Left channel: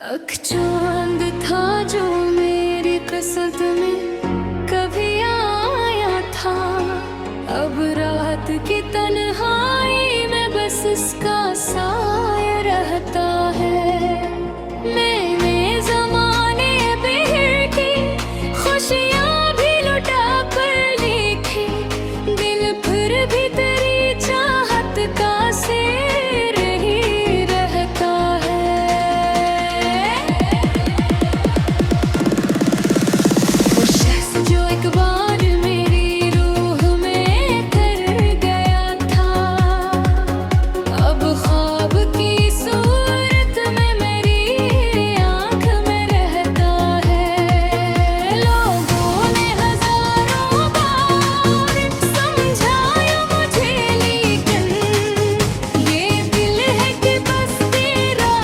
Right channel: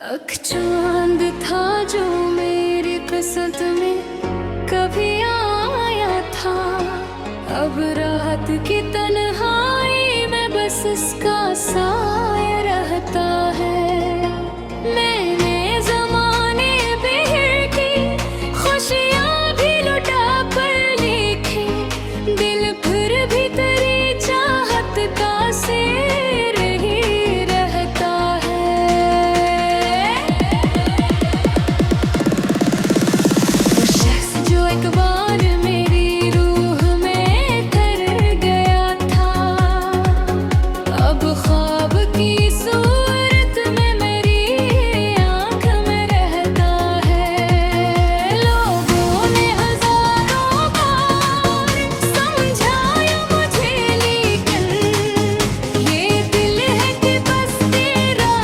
चांद था जो मेरी किस्मत में कभी आया था। अब रात की तन्हाई में बस इसका साया रहता है। मैंने जमाने बिहर की खुशियाँ भी लुटा कर लिखी, दिल फिर भी तेरी चाहत का शेर ही रहता है। जो एक बार मेरी रूह में ठहर गया था, अब ख्वाब की सूरत में मेरी आँख में रहता है। लोगों ने हजारों बार समझाया मुझे, लेकिन ये दिल है कि बस तेरा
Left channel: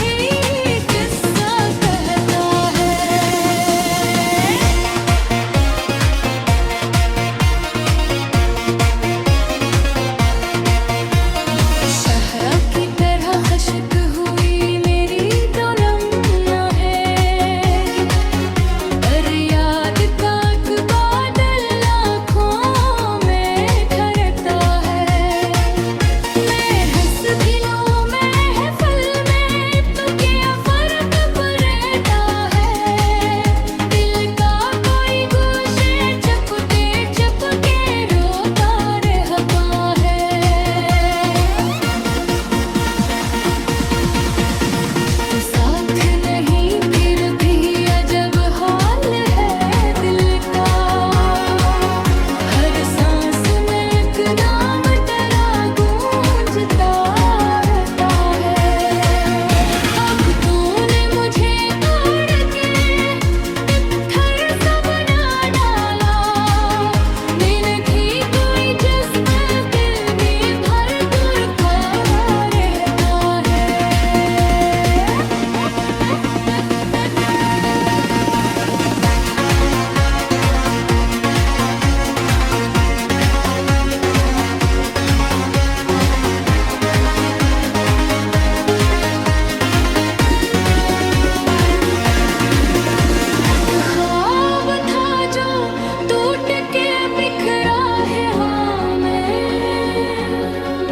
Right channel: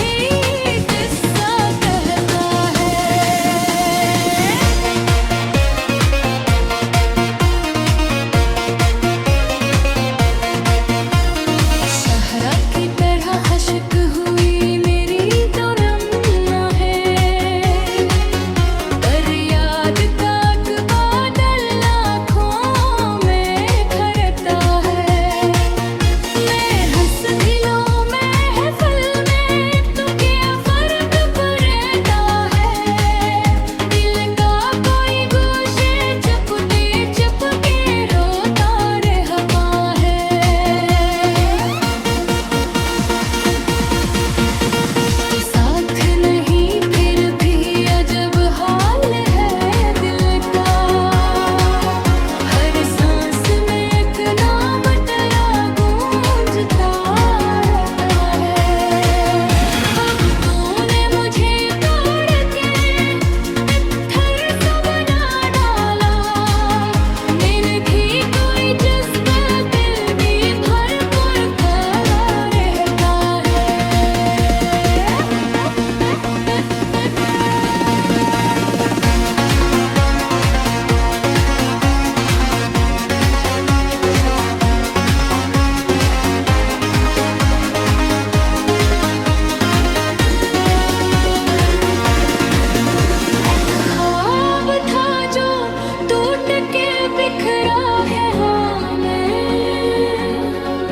ही किस्सा कहता है। सहरा की तरह हशक हुई मेरी तो रमना है, पर याद का एक बादल आँखों में ठहरता है। मैं हंस भी लूं महफिल में तो क्या फर्क पड़ता है। दिल का कोई गोशे चुपके चुपके रोता रहता है। साथ नहीं फिर भी अजब हाल है दिल का, हर सांस में एक नाम तेरा गूंजता रहता है। अब तूने मुझे तोड़ के पत्थर सा बना डाला, मैंने भी कोई जज्बा दिल में भर कर खड़ा रहता है। ख्वाब था जो टूट के बिखरा है, हाँ मैं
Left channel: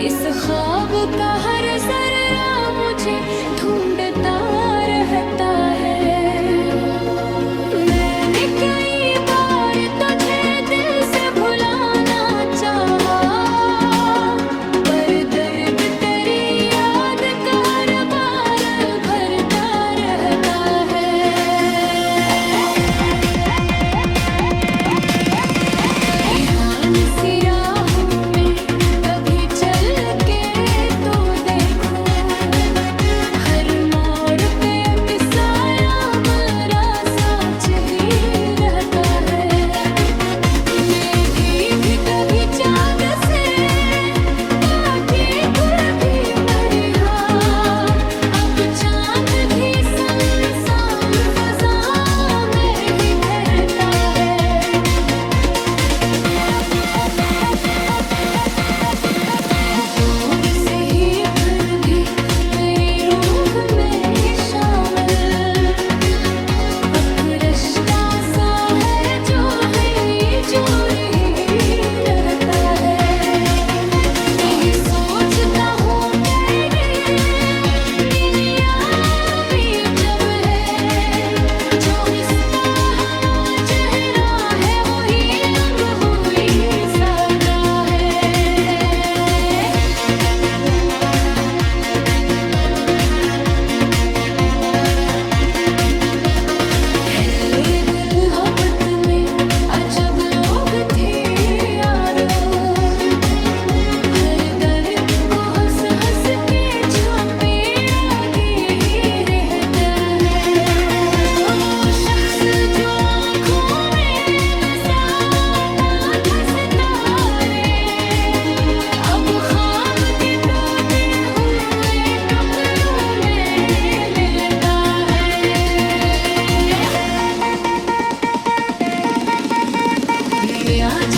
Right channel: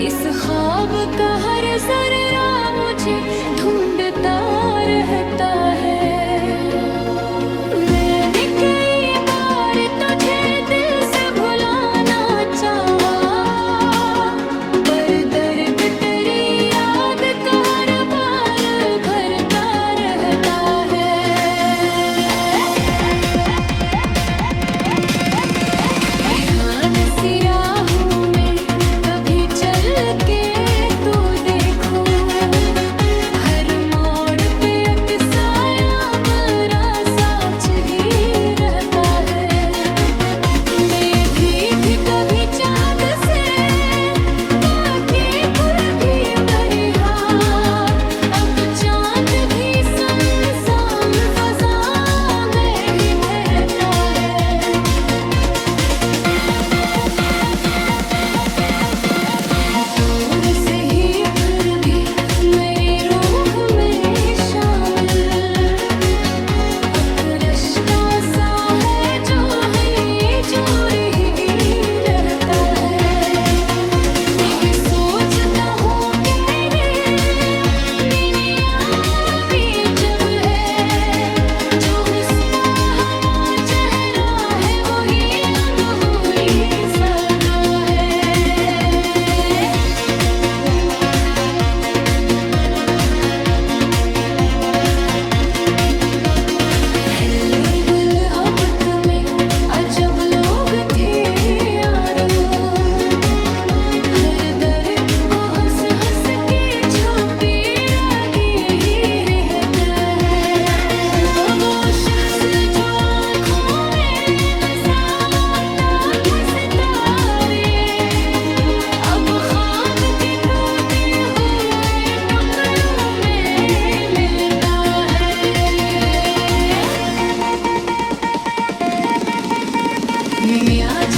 इस ख्वाब का हर जर्रा मुझे ढूंढता रहता है। मैंने कई बार तुझे दिल से भुलाना चाहा, पर दर्द तेरी याद का हर बार भरता रहता है। ध्यान सी राहों में कभी चल के तो देखूं, हर मोड़ पे एक साया मेरा साथ ही रहता है। मैं भी कभी चाँद से पाके खुद भी मरी, हाँ अब चाँद भी सुनसान फजा में ही ठहरता है। दूर से ही फिर भी मेरी रूह में शामिल एक रिश्ता सा है जो है जोर ही रहता है। यही सोचता हूँ कि दुनिया भी जब है, जो रिश्ता हवा चेहरा है वही रंग हुई सका है। पहले दिल मोहब्बत में अजब लोग थे यारो, हर दर्द को हंस हंस के छुपे रागी ही रहता है। वो शख्स जो आँखों में बसाता था सितारे, अब ख्वाब के टूटे हुए टुकड़ों में मिलता है। मैं आज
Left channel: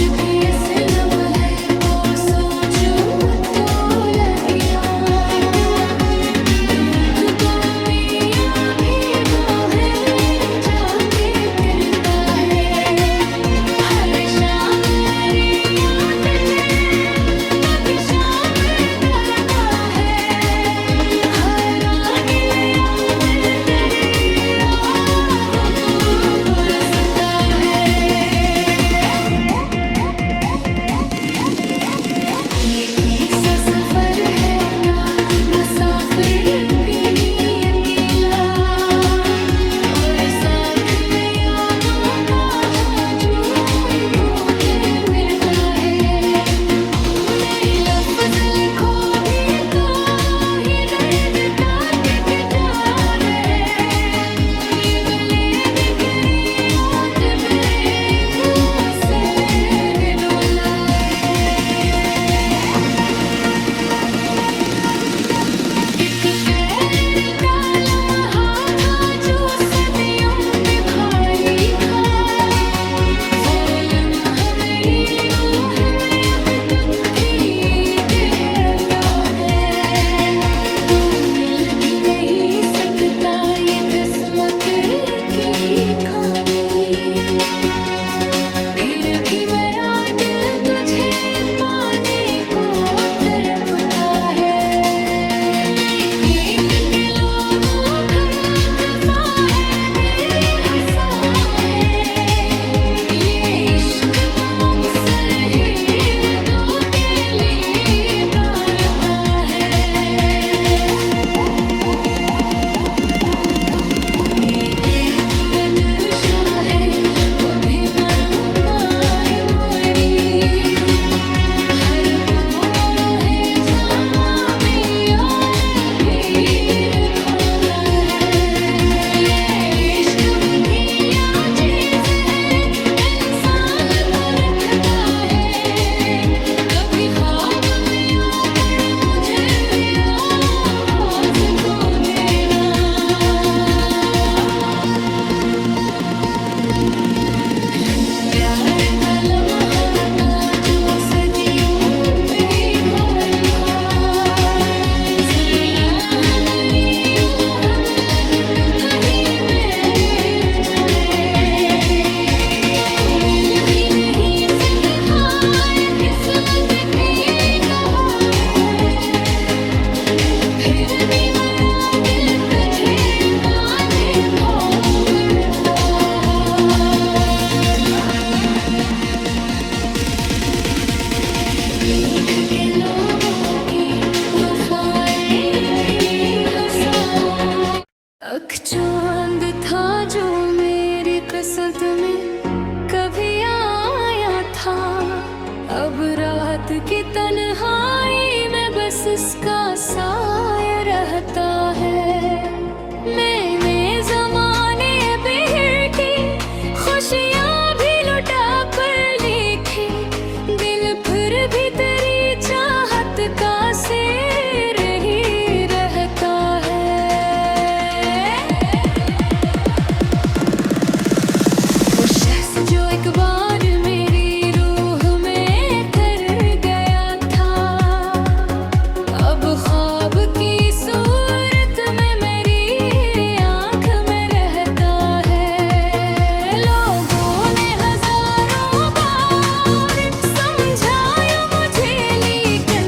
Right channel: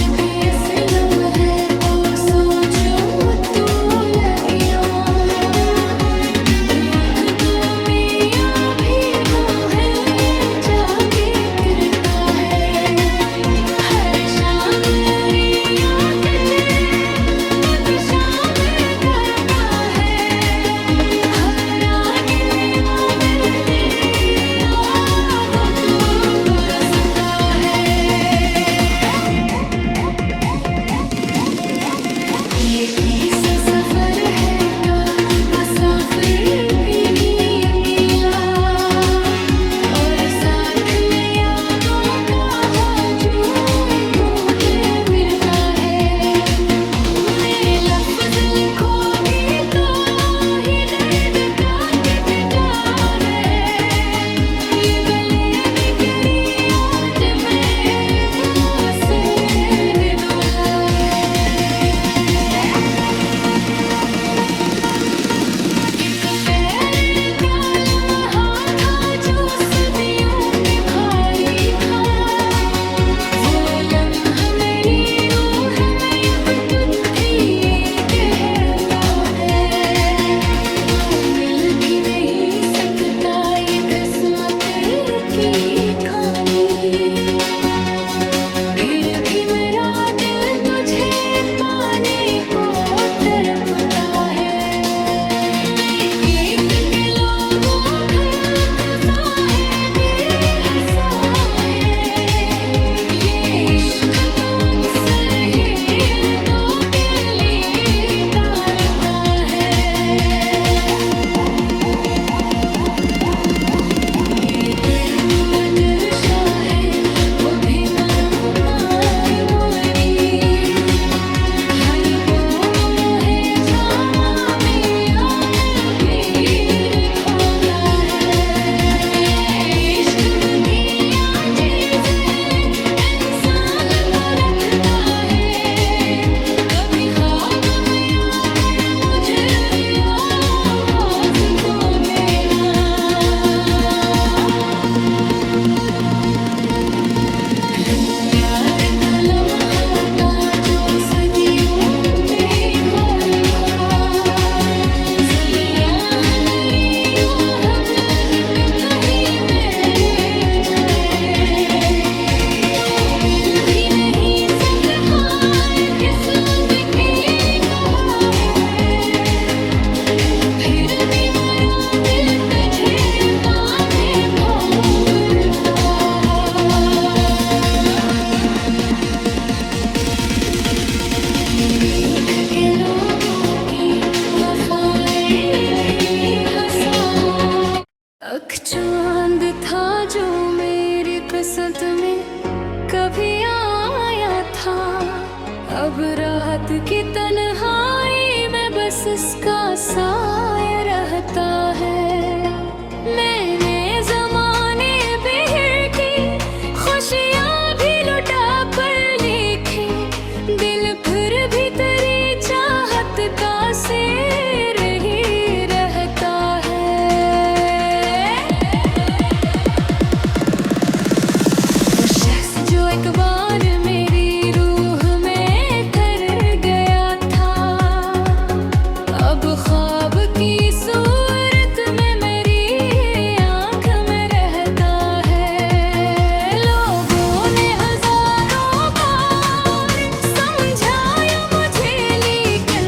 सकता ये किस्मत की खामी। फिर भी मेरा दिल तुझे पाने को तड़पता है। मैं गीत के लोगों का कसा है, बेहसा है। ये इश्क तो अक्सर ही दो के लिए तारता है। ये दिल दर्शा है वो भी मैं पाई मोरी। हर कोर है जामा में यार भीर खाता है। ये इश्क बधिया चीज है, इंसान को रखता है। कभी ख्वाब में आकर मुझे आवाज तो देना। प्यार का लम्हा था जो सदियों पे भारी था। ज़रा हमारी रूह में तक ही में जाए। तू मिल भी नहीं सकता किस्मत की दवा है। फिर भी मेरा दिल तुझे पाने को करता है। मीठ के लोगों की वफाएं भी हंसा हो। अख चांद था जो मेरी किस्मत में कभी आया था। अब रात की तन्हाई में बस इसका साया रहता है। मैंने जमाने बिहर की खुशियाँ भी लुटा कर लिखी। दिल फिर भी तेरी चाहत का शेर ही रहता है। वो शख्स जो एक बार मेरी रूह में ठहर गया था, अब ख्वाब की सूरत में मेरी आँख में रहता है। लोगों ने हजारों बार समझाया मुझे, लेकिन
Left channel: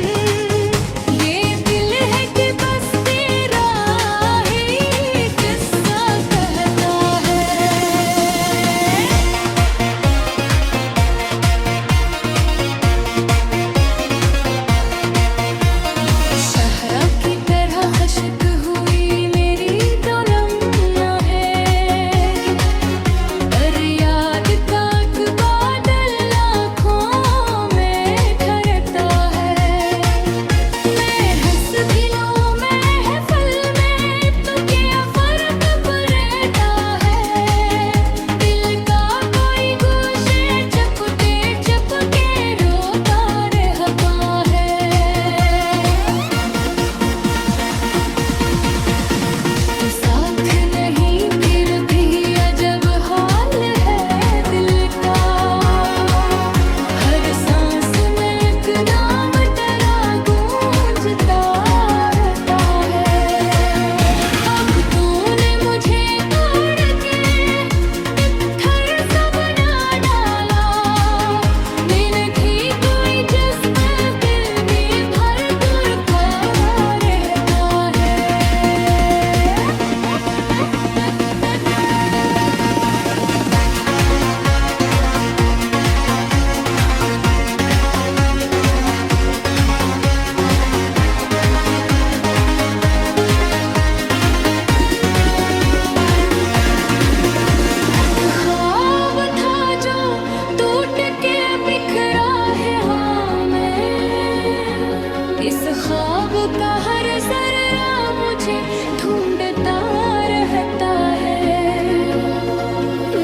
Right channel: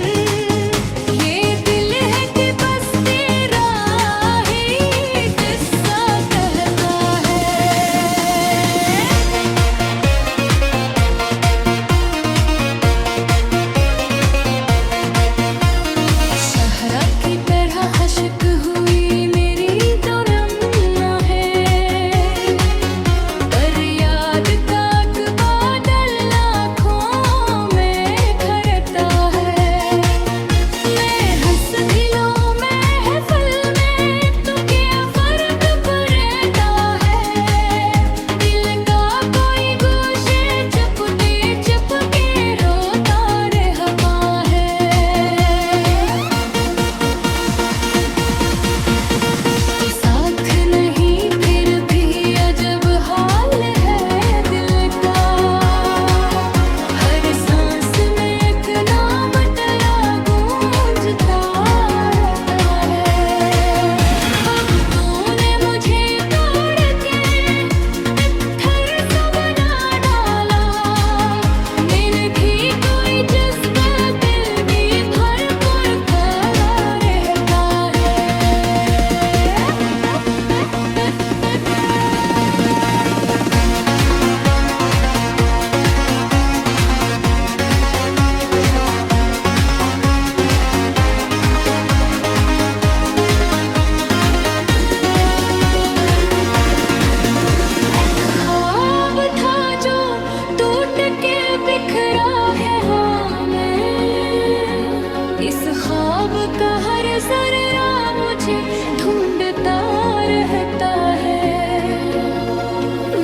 ये दिल है कि बस तेरा ही किस्सा कहता है। शहरा की तरह खशक हुई मेरी तो लम्हा है। पर याद का एक बादल आँखों में ठहरता है। मैं हंस भी लूं महफिल में तो क्या फर्क पड़ता है। दिल का कोई गोशे चुपके चुपके रोता रहता है। तो साथ नहीं फिर भी अजब हाल है दिल का। हर सांस में एक नाम तेरा गूंजता रहता है। अब तूने मुझे तोड़ के पत्थर सा बना डाला। मैंने भी कोई जज्बा दिल में भर कर खड़ा रहता है। ख्वाब था जो टूट के बिखरा है हाँ मैं। इस ख्वाब का हर जर्रा मुझे ढूंढता रहता है।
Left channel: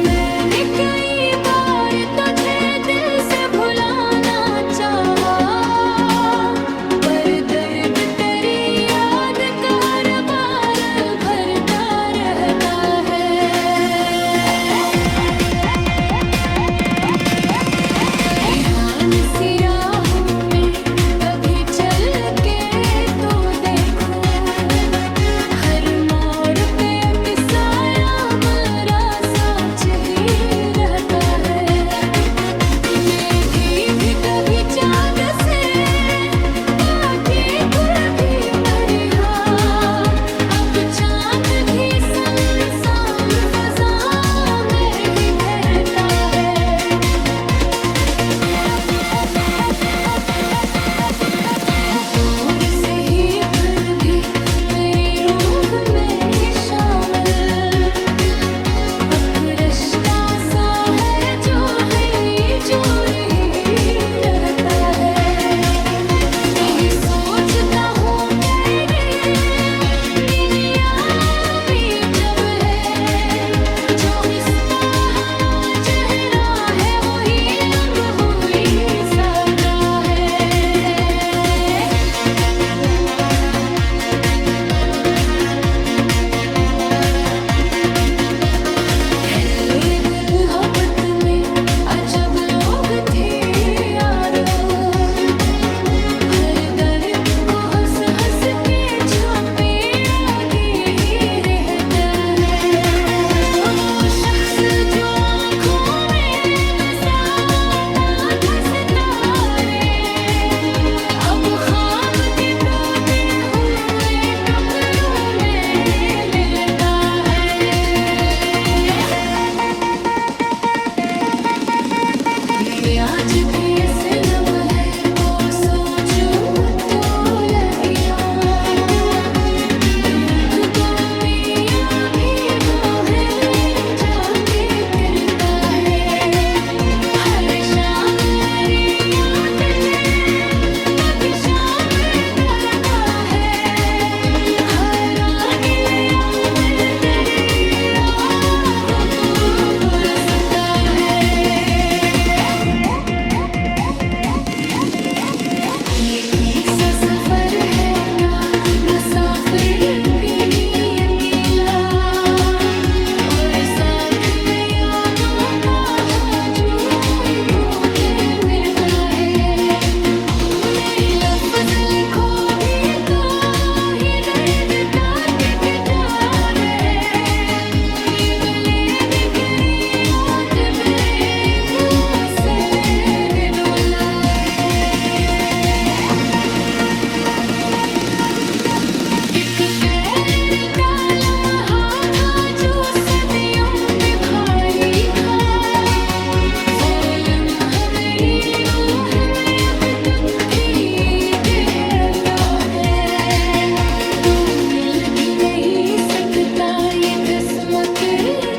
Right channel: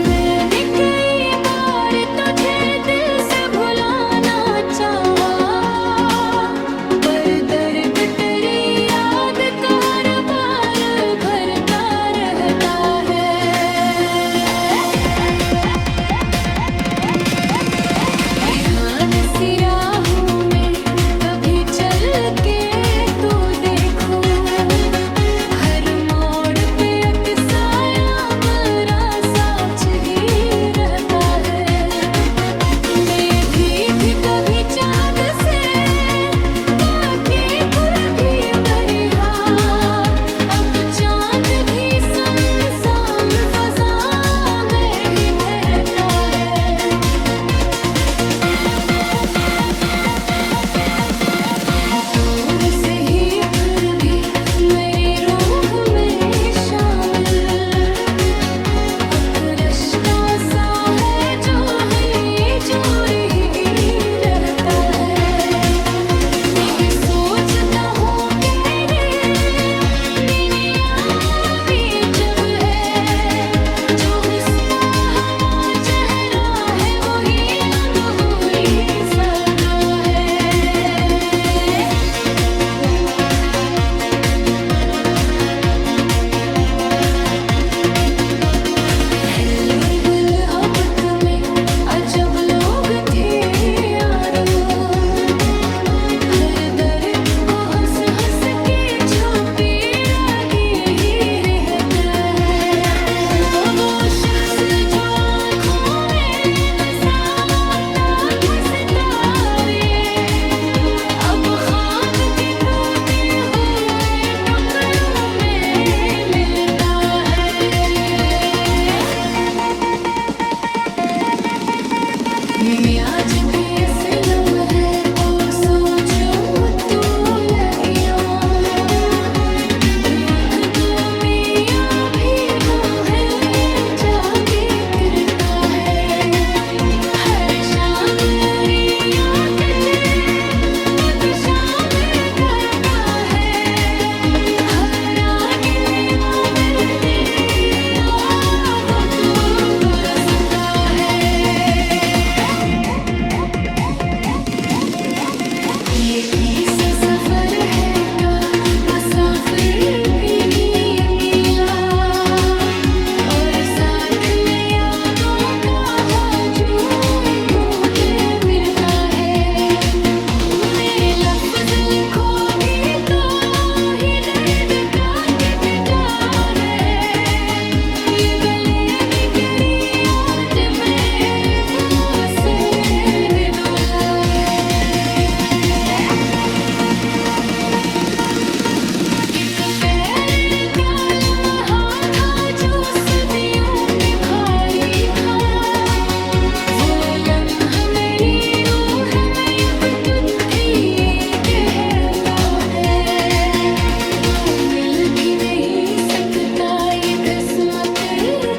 मैंने कई बार तुझे दिल से भुलाना चाहा, पर दर्द तेरी याद का हर बार भरता रहता है। ध्यान सी राहों में कभी चल के तो देखूं, हर मोड़ लगता ये किस्मत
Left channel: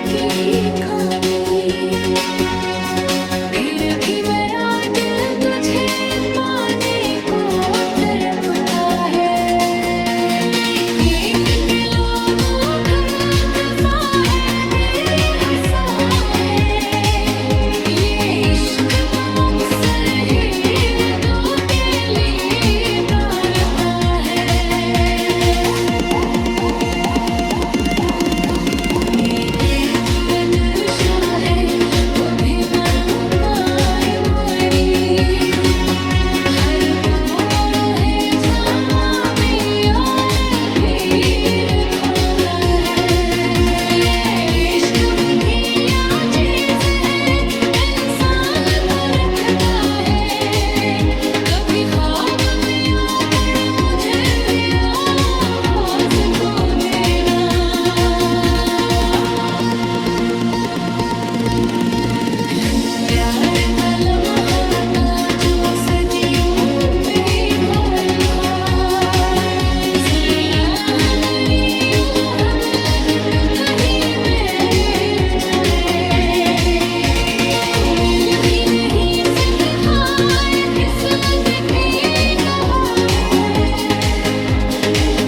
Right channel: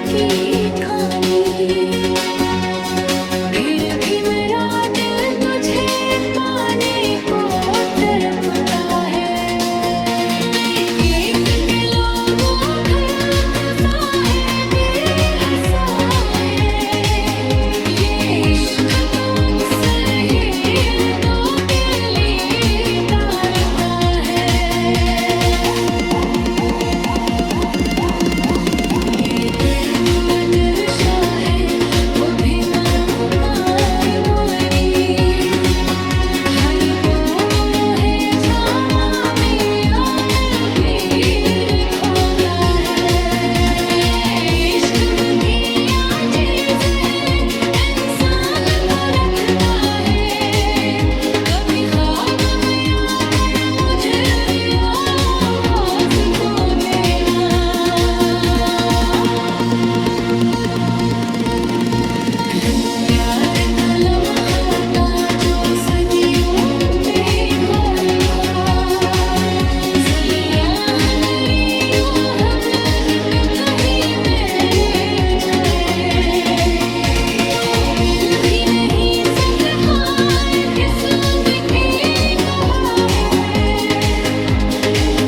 की खामी, फिर भी मेरा दिल तुझे पाने को तड़पता है। मैं एक के लोगों का कसा है, बेहसा है। ये इश्क तो अक्सर ही दो के लिए तारता है। ये दिल में दिलशा है, वो भी मंगाई मोरी। हर कोर है जामा में यार भीड़ खाता है। ये इश्क बधिया चीज है, इंसान को रखता है। कभी ख्वाब में आकर मुझे आवाज तो देना। प्यार का लम्हा था जो सदियों पे खोरी खा, ज़रा हमारी रूह मन तक ही में जाए। तू मिल भी नहीं सकता है, किस्मत की दवा है।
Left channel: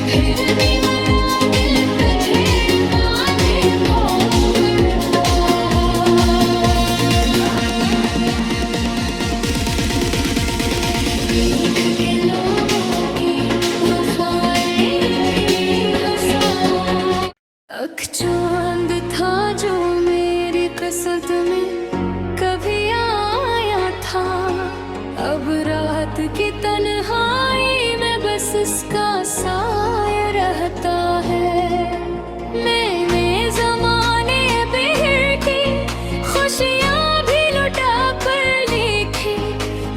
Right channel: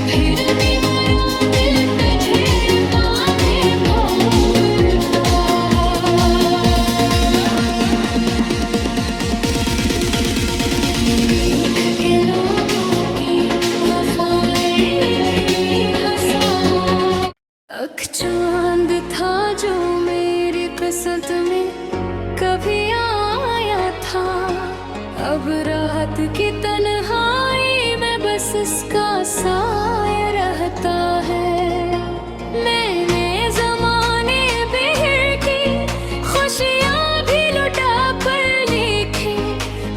फिर भी मेरा दिल तुझे पाने को फिरता है। लिख के लोगों की वफाएं भी हंसा हो। अख चांद था जो मेरी किस्मत में कभी आया था, अब रात की तन्हाई में बस इसका साया रहता है। मैंने जमाने पे की खुशियाँ भी लुटा कर लिखी,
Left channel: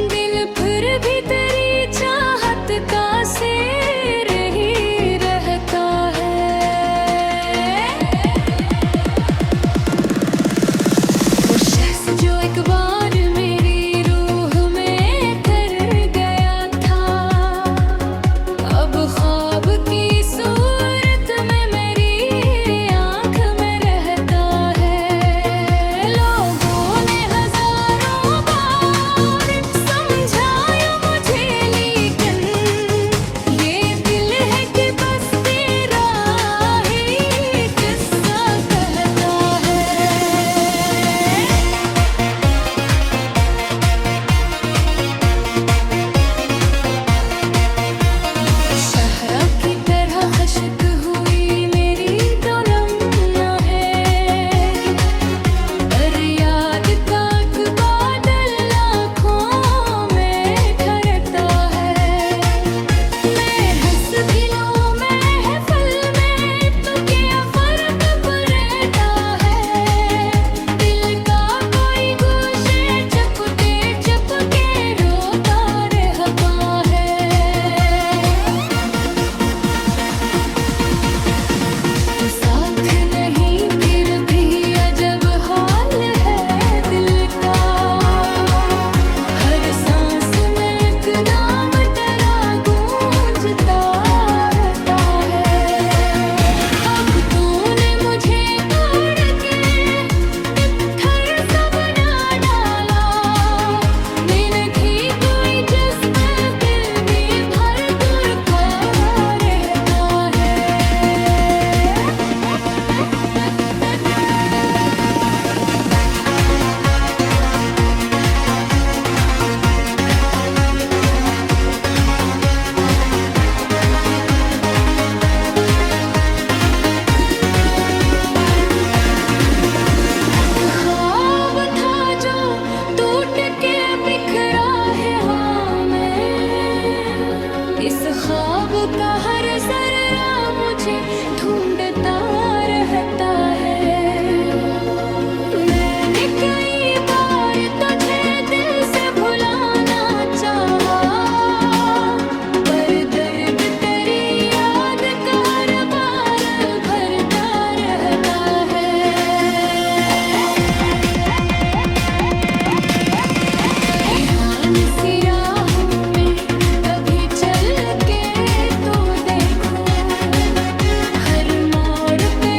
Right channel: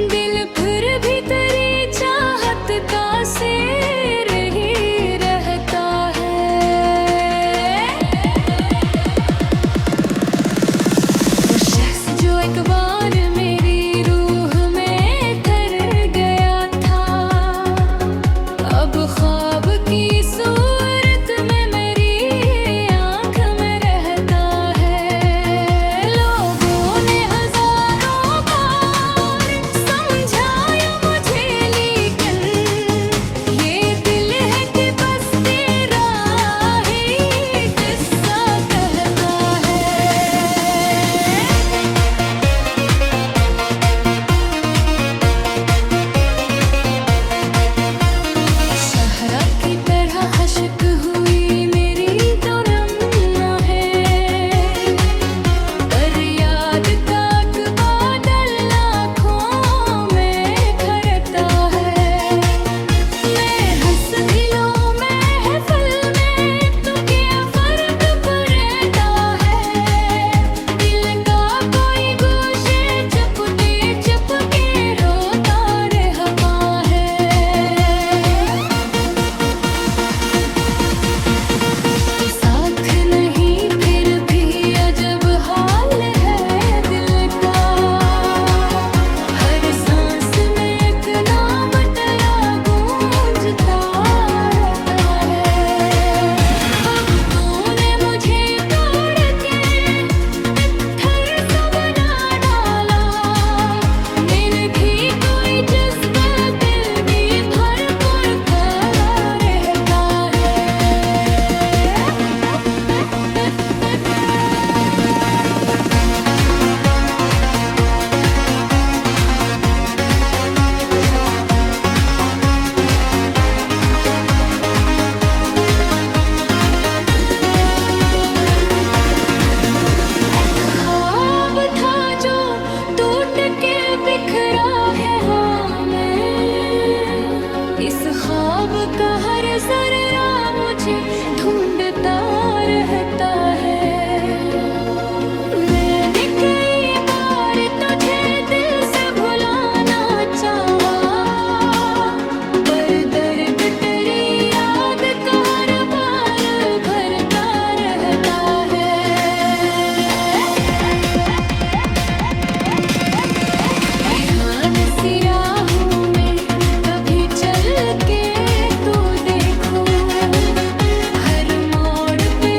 दिल फिर भी तेरी चाहत का सिर ही रहता है। वो शख्स जो एक बार मेरी रूह में ठहर गया था, अब ख्वाब की सूरत में मेरी आँख में रहता है। लोगों ने हजारों बार समझाया मुझे, लेकिन ये दिल है कि बस तेरा ही किस्सा कहता है। शहरा की तरह हशक हुई मेरी तो लम्हा है, पर याद का एक बादल आँखों में ठहरता है। मैं हंस भी लूं महफिल में तो क्या फर्क पड़ता है। दिल का कोई गोशे चपके चपके रोता रहता है। तो साथ नहीं फिर भी अजब हाल है दिल का। हर सांस में एक नाम तेरा गूंजता रहता है। अब तूने मुझे तोड़ के तित्थर सा बना डाला, मैंने भी कोई जज्बा दिल में भर कर खड़ा रहता है। एक ख्वाब था जो टूट के बिखरा है, हाँ मैं इस ख्वाब का हर जर्रा मुझे ढूंढता रहता है। मैंने कई बार तुझे दिल से भुलाना चाहा, पर दर्द तेरी याद का हर बार भरता रहता है। ध्यान सी राहों में कभी चल के तो देखूं, हर मोड़ पे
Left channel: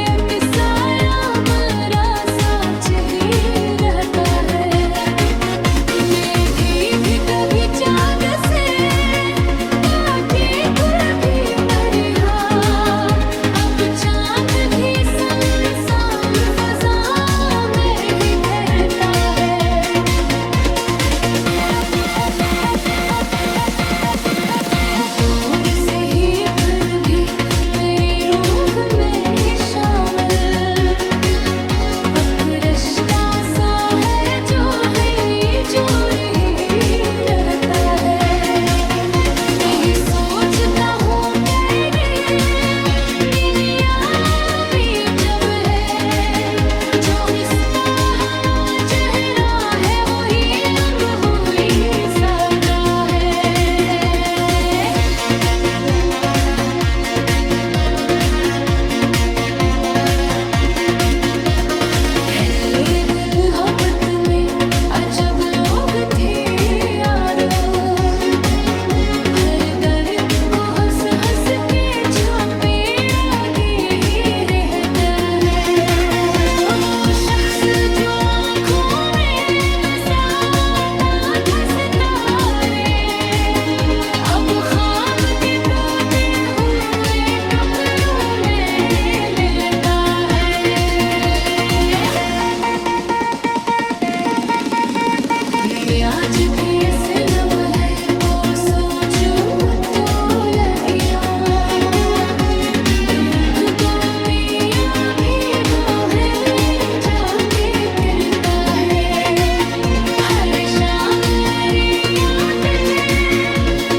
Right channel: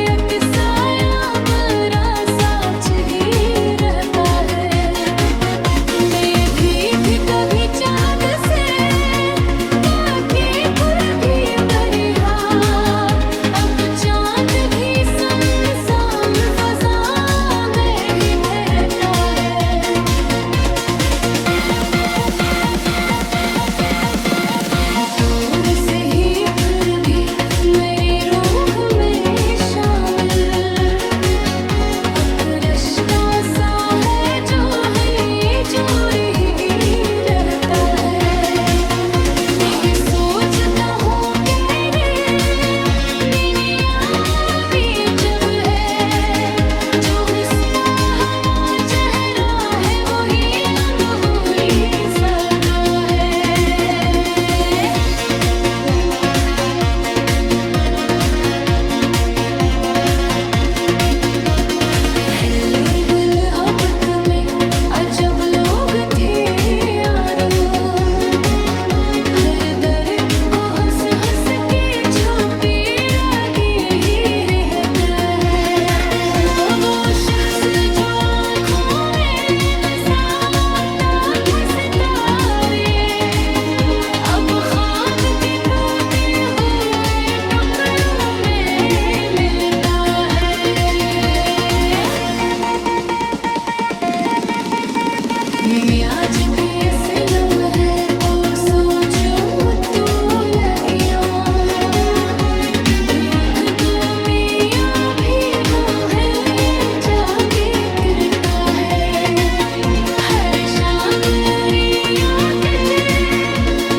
मोहब्बत में अजब लोग थे यारो, हर दर्द को हंस हंस के छुपे रागी ही रहता है। वो शख्स जो आँखों में बसाता था सितारे, अब ख्वाब के टूटे हुए टुकड़ों में मिलता है। मैं आज भी असलम है को सोचो तो लगियों, मुझको में या भी वो है ये जाके गिरता है। हर शाम रे याद थे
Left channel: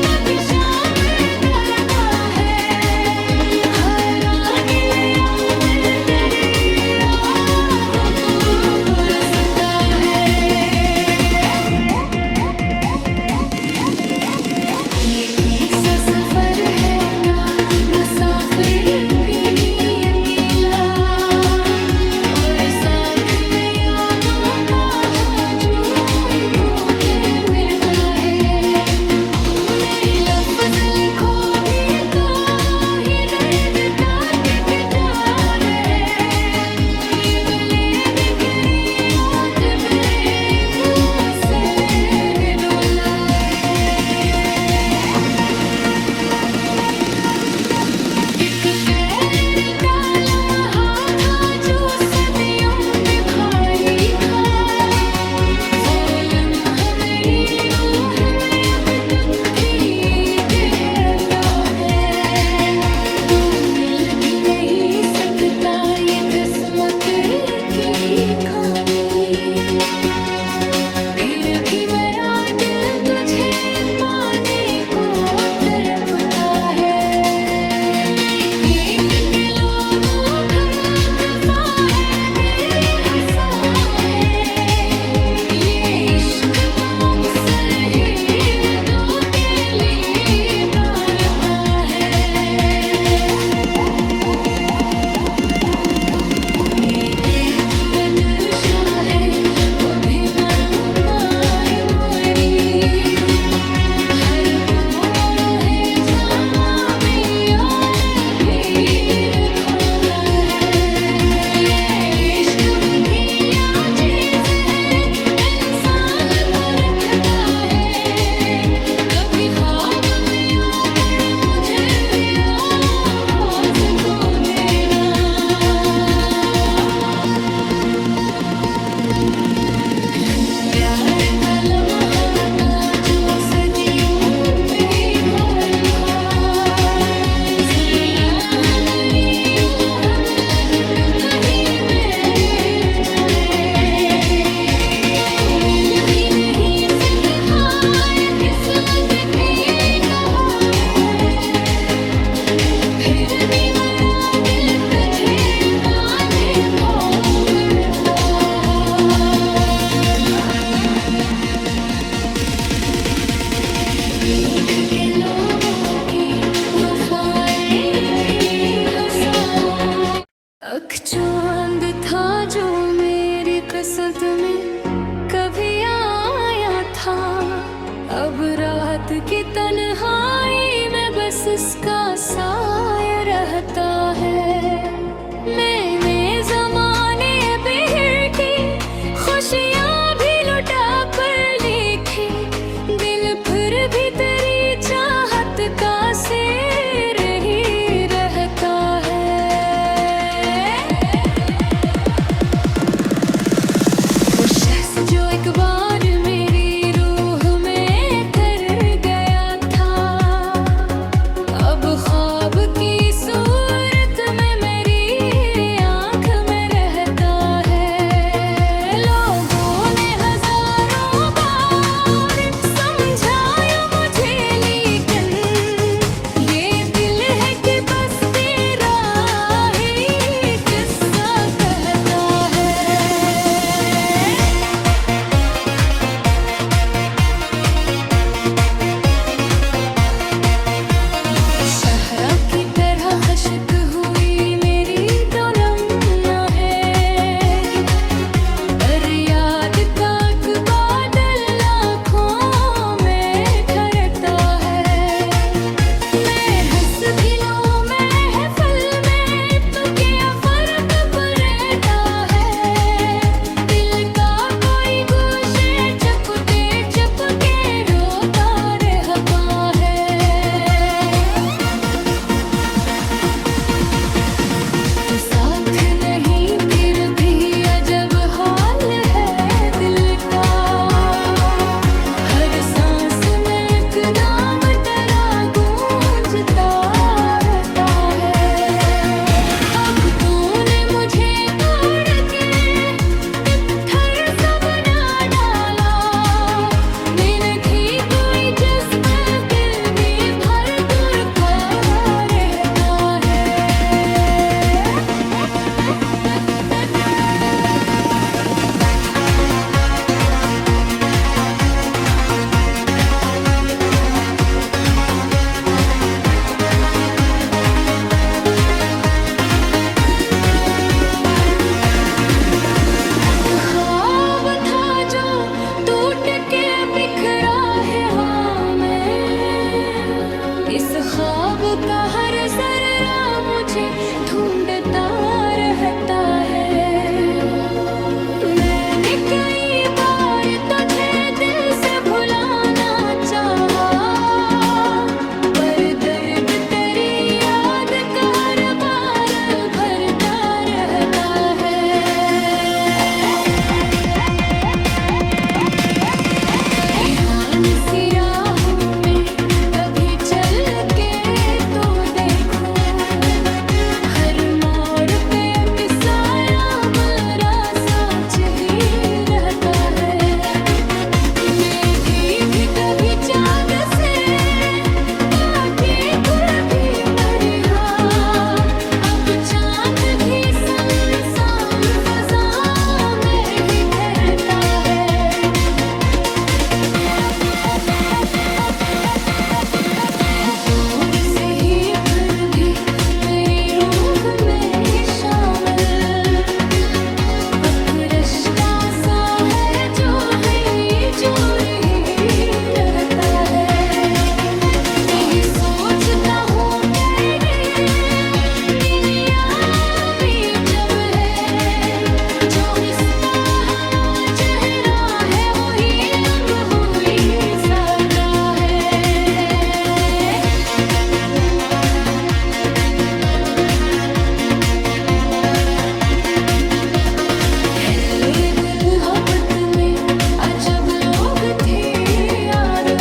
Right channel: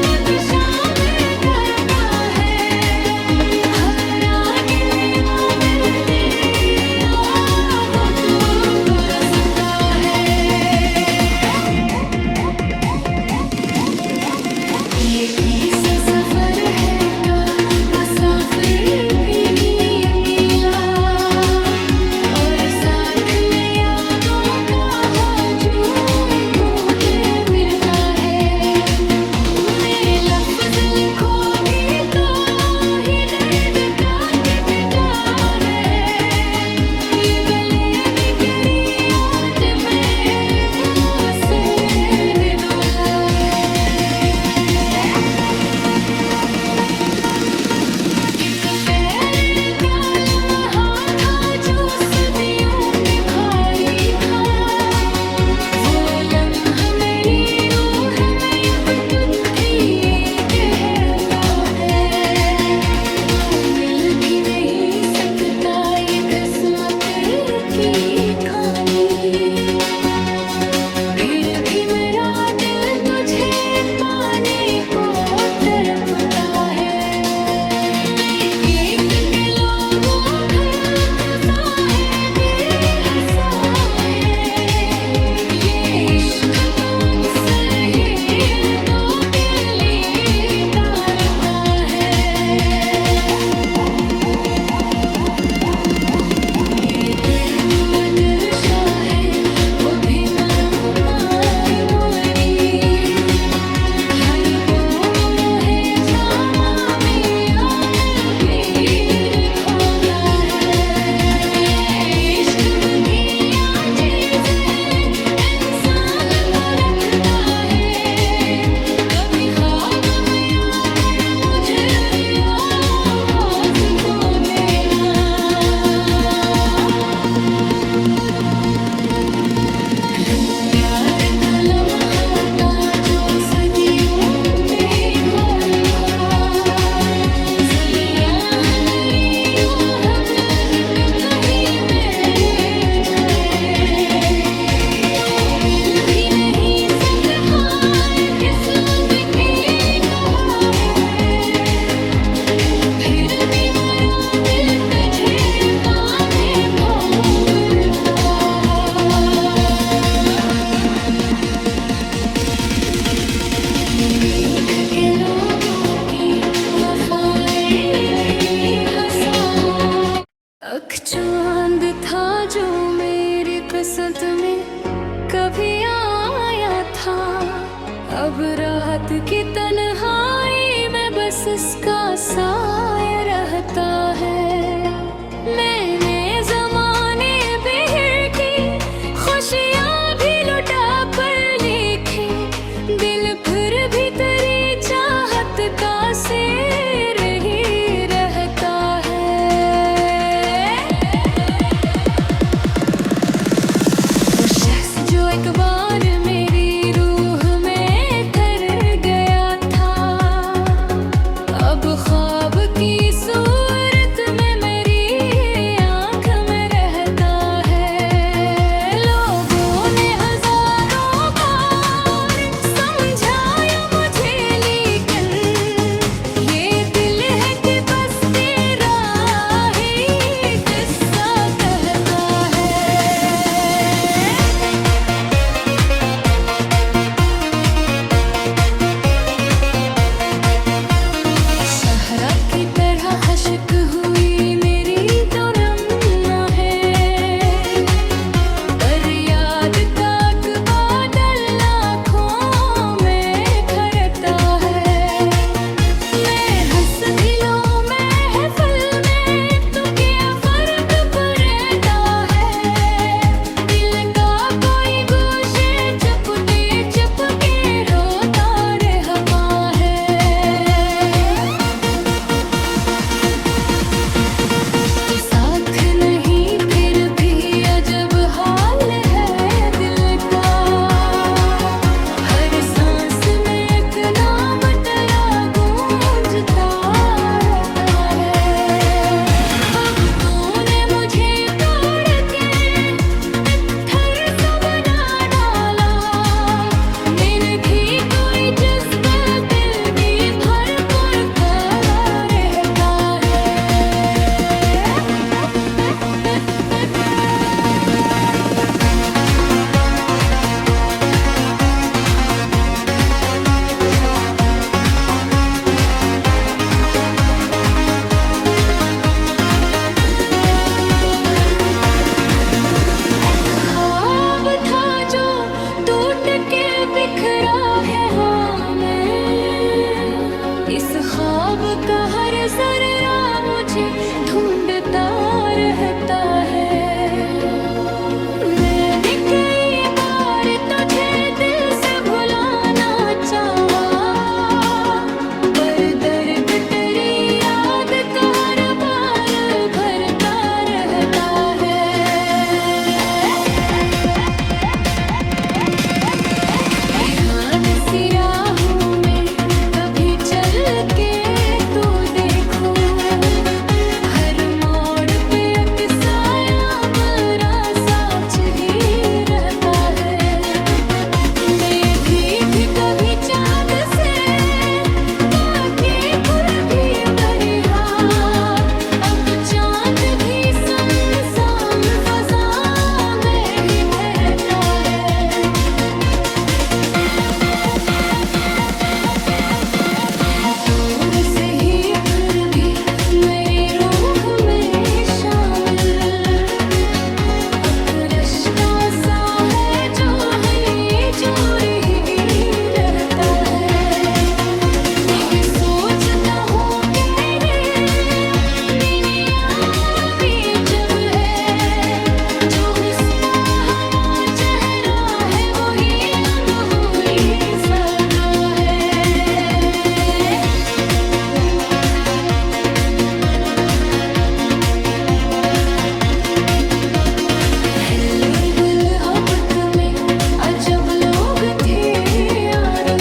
तब शाम करता है, हर आगे याद तेरी यादों को तरसता है। ये किस्सा सफर है क्या मुसाफिर भी अकेला, और साथ में यादों का हजूम में मिलता है। मैं लफ्ज़ लिखो भी तो ही दर्द का टिकता है, ये गले भी तेरी याद से डोला है। एक पैर का लम्हा था जो सदियों पे भारी था, वो लम्हा मेरी रूह में अब तुझे कहता है। तो मिल भी नहीं सकता ये किस्मत की कहानी, फिर भी मेरा दिल तुझे पाने को तड़पता है। मैं एक के लोगों का कसा है बेहसा है, ये इश्क तो अक्सर ही दो के लिए तारता है। मेरे नजर शोहे वो भी पाई मोरी, हर पोरो है जामा में यार भीड़ खाता है। ये इश्क बधिया चीज है, इंसान को रखता है, कभी ख्वाब में आकर मुझे आवाज तो देना। प्यार का लम्हा था जो सदियों पे खाली था, ज़रा हमारी रूह में तक ही में जाए। तू मिल भी नहीं सकता है किस्मत की कहा है, फिर भी मेरा दिल तुझे पाने को करता है। लिख के लोगों की वफाएं भी हंसा हो, अख चांद था जो मेरी किस्मत में कभी आया था, अब रात की तन्हाई में बस इसका साया रहता है। मैंने जमाने बिहर की खुशियाँ भी लुटा पर लिखी, दिल फिर भी तेरी चाहत का शेर ही रहता है। वो शख्स जो एक बार मेरी रूह में ठहर गया था, अब ख्वाब की सूरत में मेरी आँख में रहता है। लोगों ने हजारों बार समझाया मुझे, लेकिन ये ख्वाब का हर जर्रा मुझे ढूंढता रहता है। मैंने कई बार तुझे दिल से भुलाना चाहा, पर दर्द तेरी याद का हर बार भरता रहता है। ध्यान सी राहों में कभी चल के तो देखूं, हर मोड़ पे अक्साया मेरा साथ ही रहता है। मैं भी कभी चाँद से पाके गुल भी मरी हाँ, अब चाँद भी सुनसान फजा में ही ठहरता है। दूर से ही फिर भी मेरी रूह में शामिल एक रिश्ता सा है जो है जोड़ ही रहता है। यही सोचता हूँ कि दुनिया भी जब है, जो रिश्ता हवा चेहरा है वही रंग हुई सका है। पहले दिल मोहब्बत में अजब लोग थे यारो,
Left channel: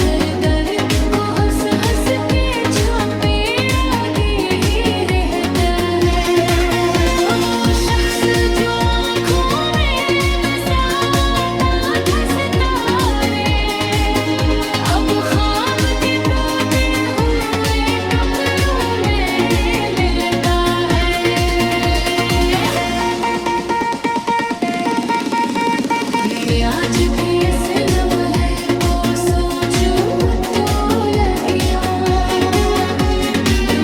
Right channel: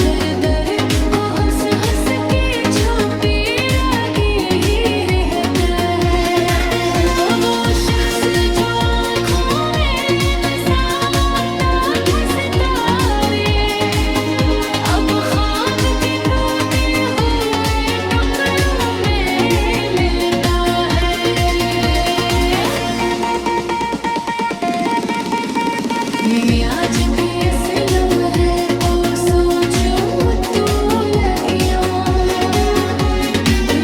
हर दर्द को हंस हंस के छुपे रागी ही रहता है। वो शख्स जो आँखों में बसाता था सितारे, अब ख्वाब के टूटे हुए टुकड़ों में मिलता है। मैं आज भी असलम है को सोचूं तो लगियो,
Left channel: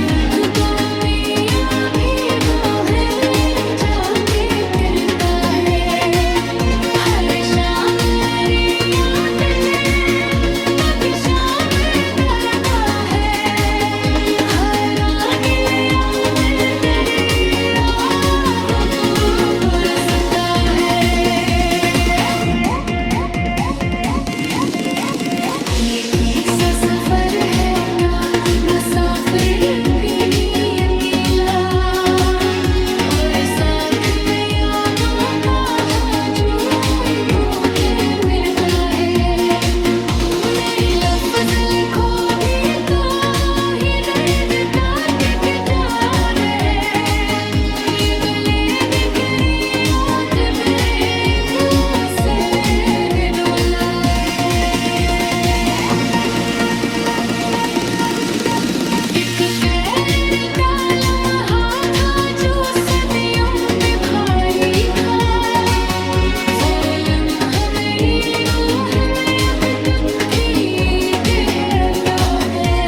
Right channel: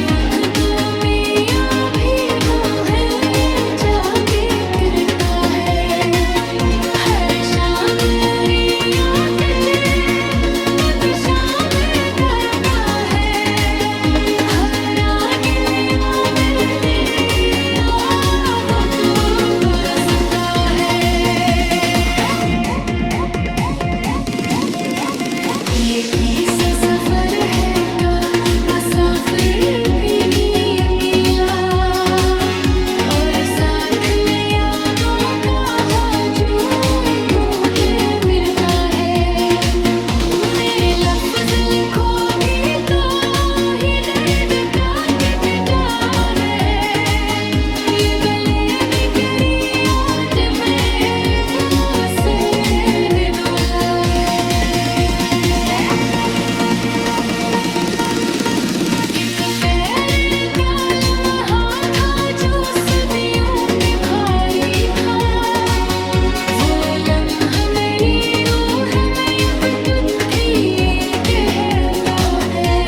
वक्त को मैं या भी वो है ये जाके गिरता है। हर शाम रे याद ते तब शाम करता है, हर रात या दिल तेरी यादों को तरसता है। ये किस्सा सफर है क्या मुसाफिर भी अकेला, और साथ में यादों का हजूम में मिलता है। मैं लफ्ज लिखो भी तो ही दर्द ताकता है, ये गले बिखरी आज बेखुसर दुलाए। एक पैर का लम्हा था जो सदियों पे भारी था, वो लम्हा मेरी रूह में अब तुझकी कहता है।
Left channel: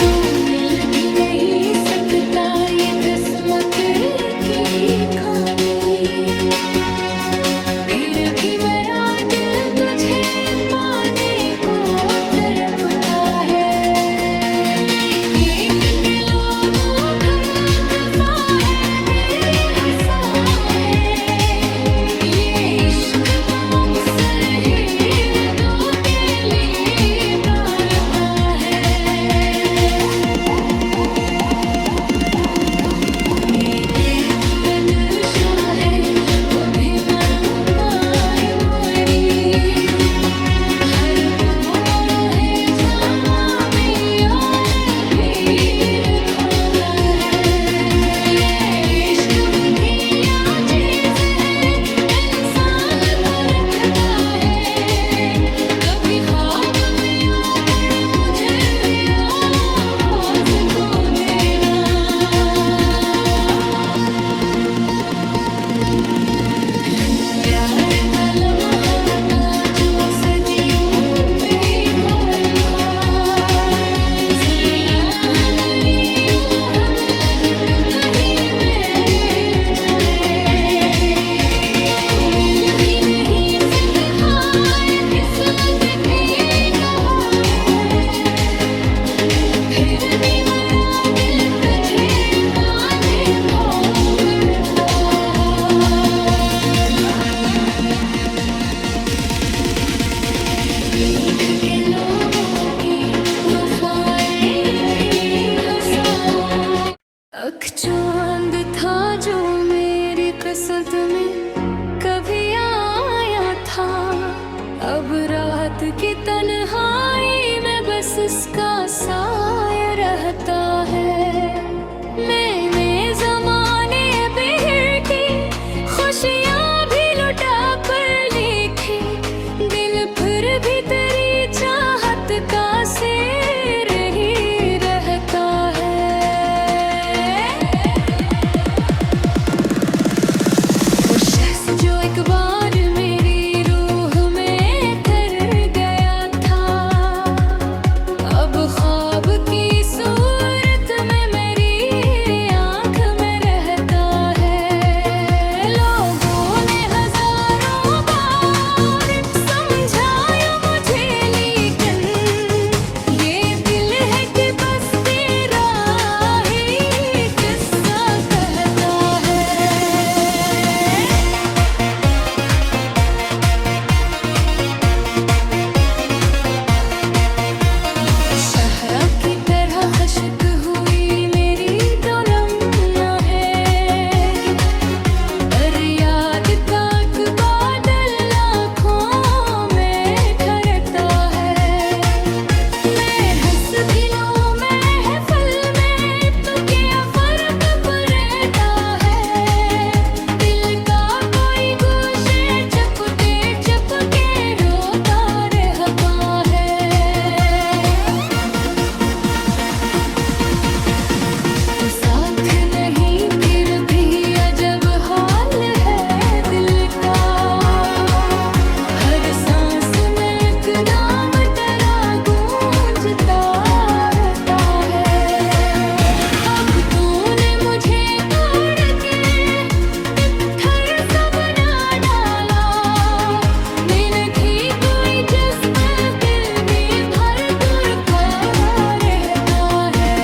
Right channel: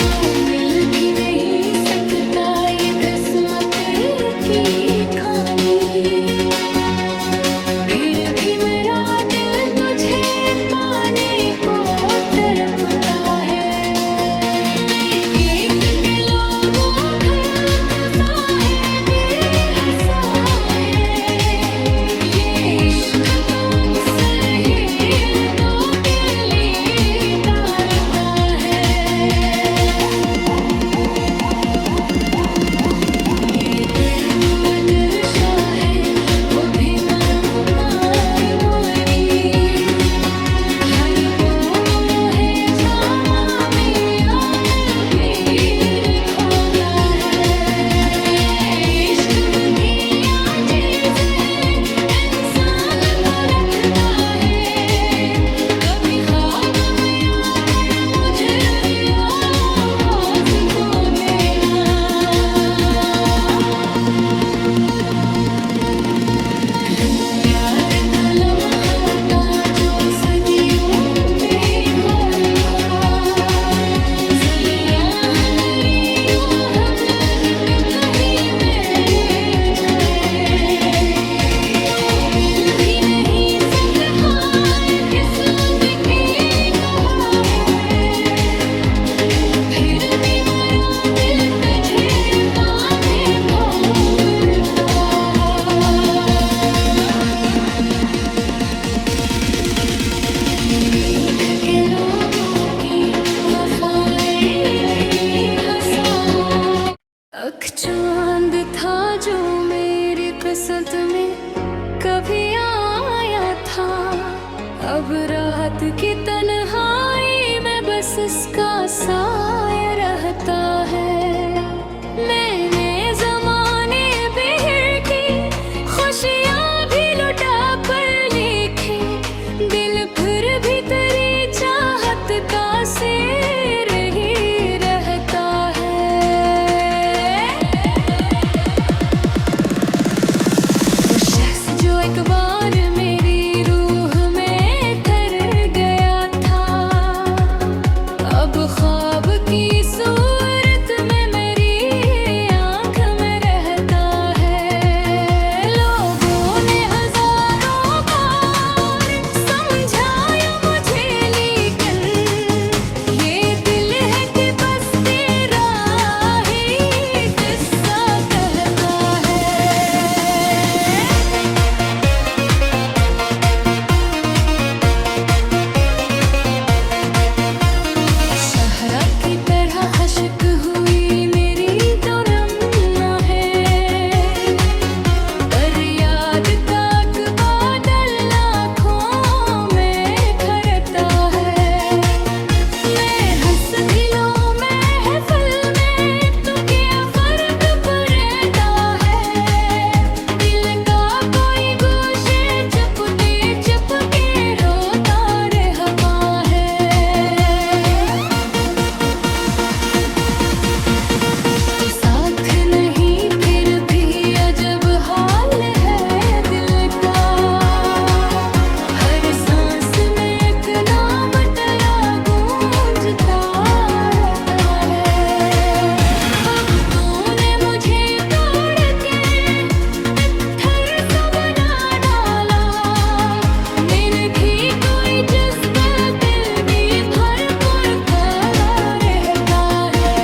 तो मिल भी नहीं सकता ये किस्मत की खानी, फिर भी मेरा दिल तुझे पाने को तड़पता है। मैं एक के लोगों खता है बेहसा है, ये इश्क तो अक्सर ही दो के लिए तारता है। ये बसंत में कभी आया था। अब रात की तन्हाई में बस इसका साया रहता है। मैंने जमाने बिहर की खुशियाँ भी लुटा पर लिखी, दिल फिर भी तेरी चाहत का शेर ही रहता है। वो शख्स जो एक बार मेरी रूह में ठहर गया था, अब ख्वाब की सूरत में मेरी आँख में रहता है। लोगों ने हजारों बार समझाया मुझे, लेकिन ये दिल है कि बस तेरा ही किस्सा कहता है। शहरा की तरह हशक हुई मेरी तो रमना है, पर याद का एक बादल आँखों में ठहरता है। मैं हंस भी लूं महफिल में तो क्या फर्क पड़ता है। दिल का कोई गोशे चपते चपके रोता रहता है। तो साथ नहीं फिर भी अजब हाल है दिल का, हर सांस में एक नाम तेरा गूंजता रहता है। अब तूने मुझे तोड़ के पत्थर सा बना डाला, मैंने भी कोई जज्बा दिल में भर कर खड़ा रहता है।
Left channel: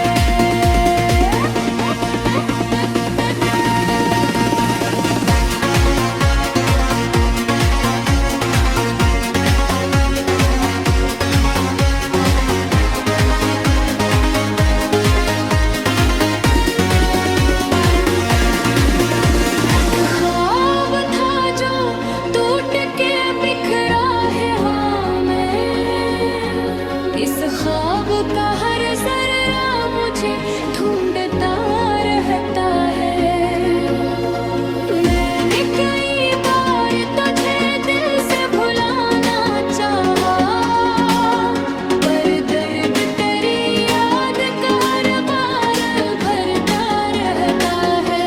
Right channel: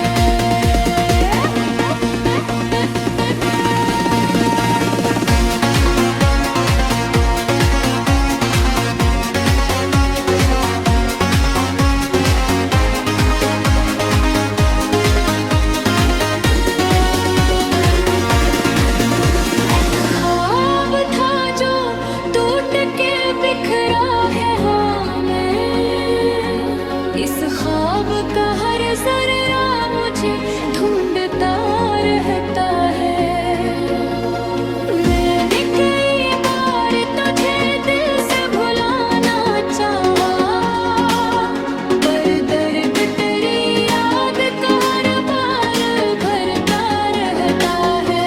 ख्वाब था जो टूट के बिखरा है, हाँ मैं इस ख्वाब का हर जर्रा मुझे ढूंढता रहता है। मैंने कई बार तुझे दिल से भुलाना चाहा, पर दर्द तेरी याद का हर बार भरता रहता है।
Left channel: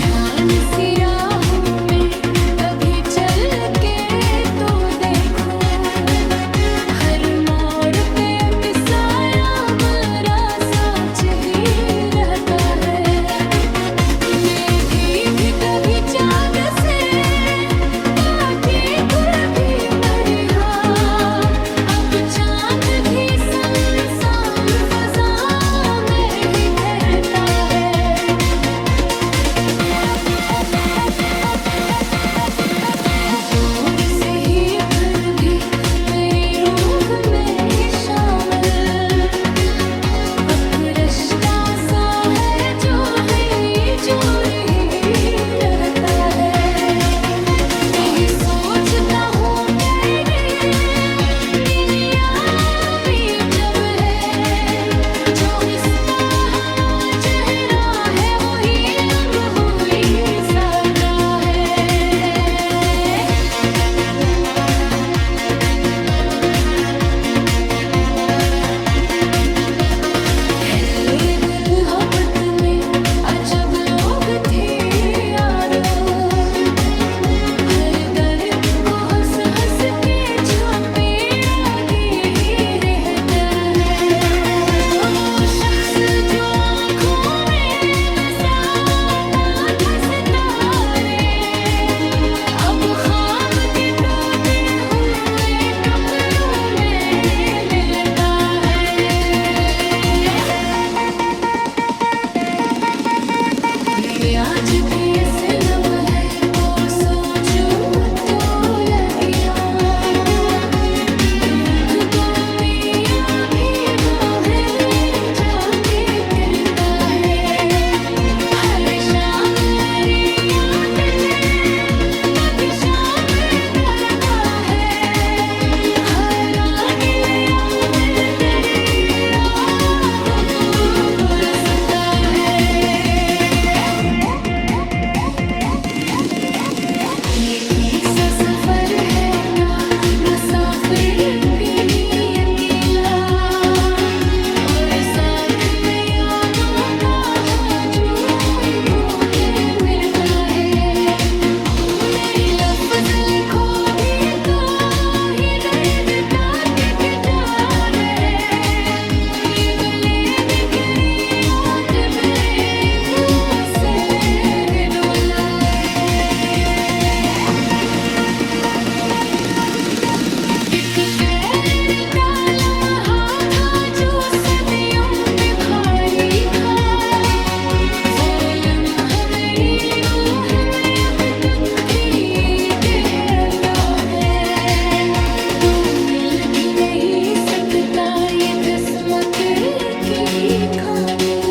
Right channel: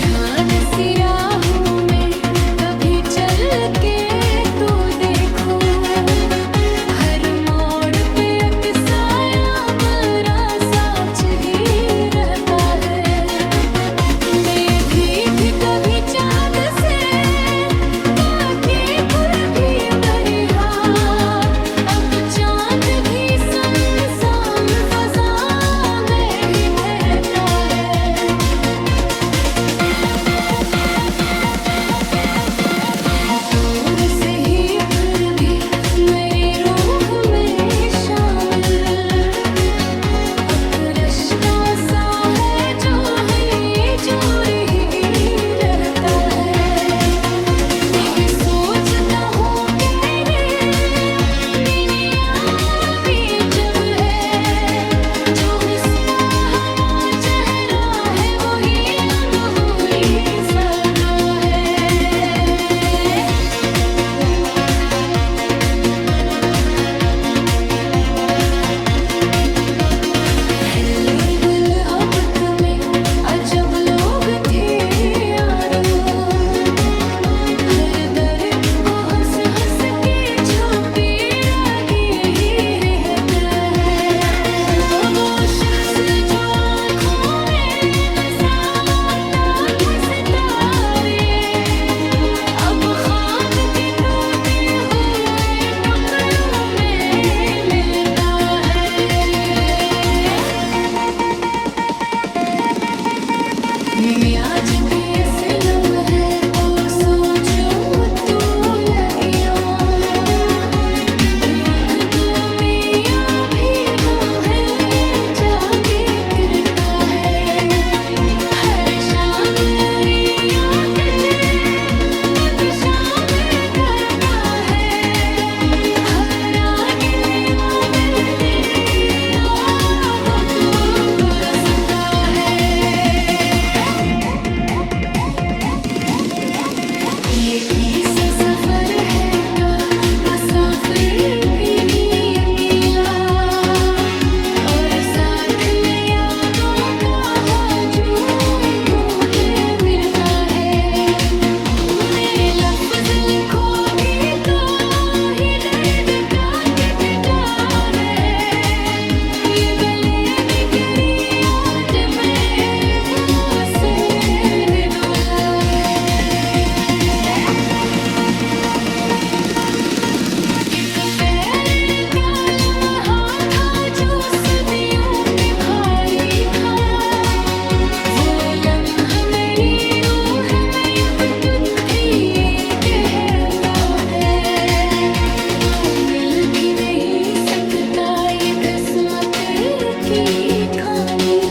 ध्यान सी राहों में कभी चल के तो देखूं, हर मोड़ पे एक साया बड़ा साच ही रहता है। मैं भी कभी चाँद से पाके खुद भी मरी, हाँ अब चाँद भी सुनसान फजा में ही ठहरता है। दूर से ही फिर भी मेरी रूह में शामिल एक रिश्ता सा है जो है जोर ही रहता है। यही सोचता हूँ कि दुनिया भी जब है, जो रिश्ता हवा चेहरा है वही लम्हा हुई सका है। पहले दिल मोहब्बत में अजब लोग थे यारो, हर दर्द को हंस हंस के छुपे रागी ही रहता है। वो शख्स जो आँखों में बसाता था सितारे, अब ख्वाब के टूटे हुए टुकड़ों में मिलता है। मैं आज भी दिखता ये किस्मत की खानी।